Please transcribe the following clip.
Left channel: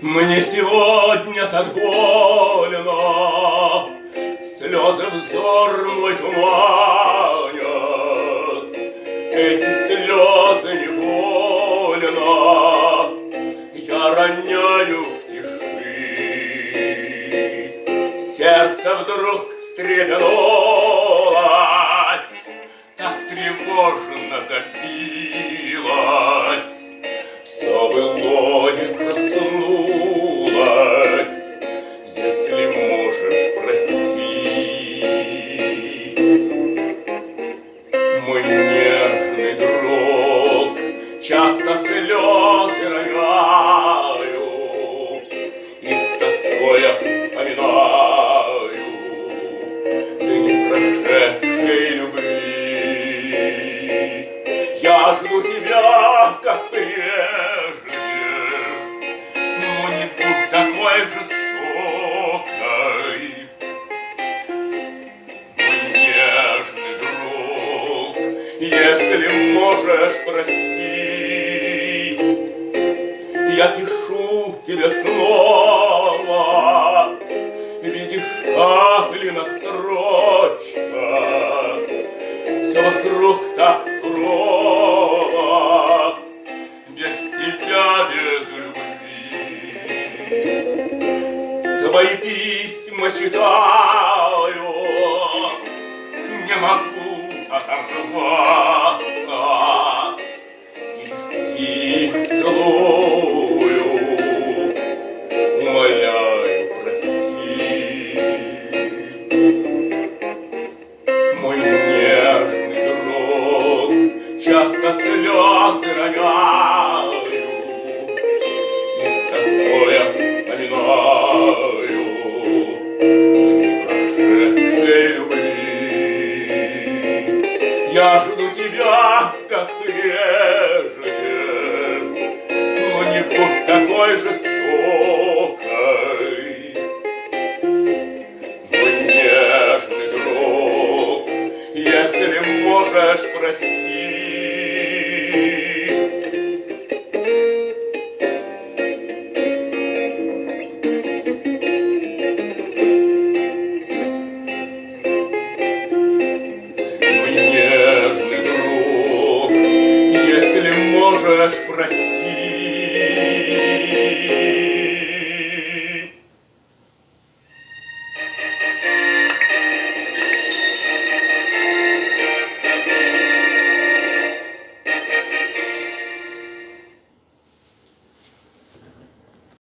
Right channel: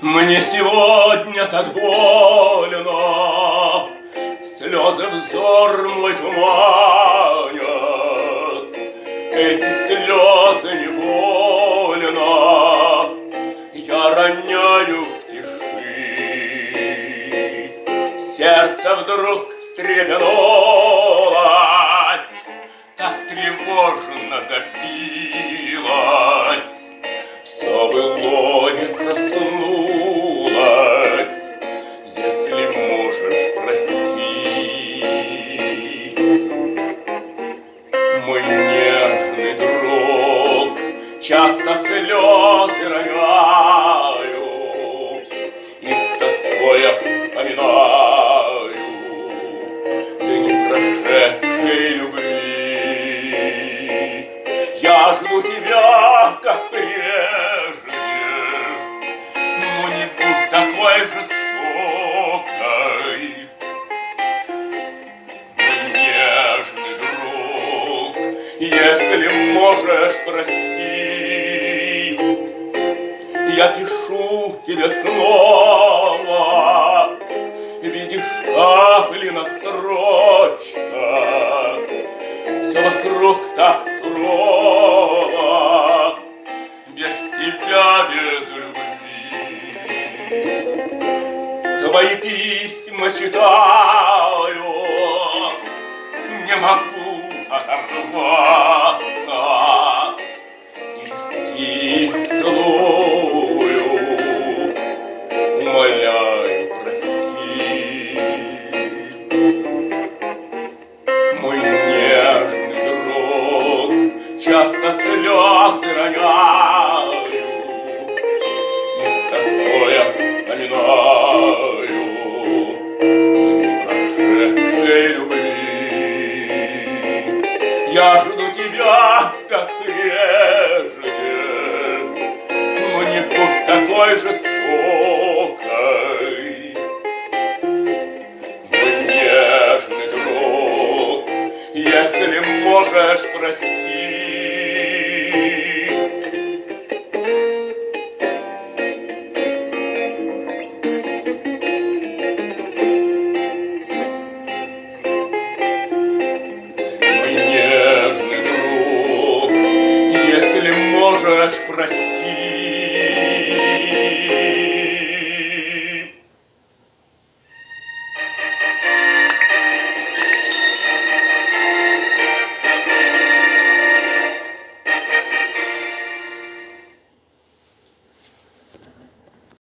Мне сегодня так больно, слезы взор мой туманят. Эти слезы невольно я роняю в тиши. Сердце вдруг встрепенулось, так тревожно забилось. Все былое проснулось, если можешь, прости. Мой нежный друг, часто слезы роняю и с тоской вспоминаю дни прошедшей любви. Я жду тебя, как прежде, но не будь такой жестокой. Мой нежный друг, если можешь, прости. Я пишу тебе снова, видишь, Каплина строчка, все вокруг так сурово, без тебя, без любви. Твои письма читаю, не могу оторваться, и листки их целую, умоляю, прости. Мой нежный друг, часто слезы роняю и с тоской вспоминаю дни прошедшей любви. Я жду тебя, как прежде, но не будь такой же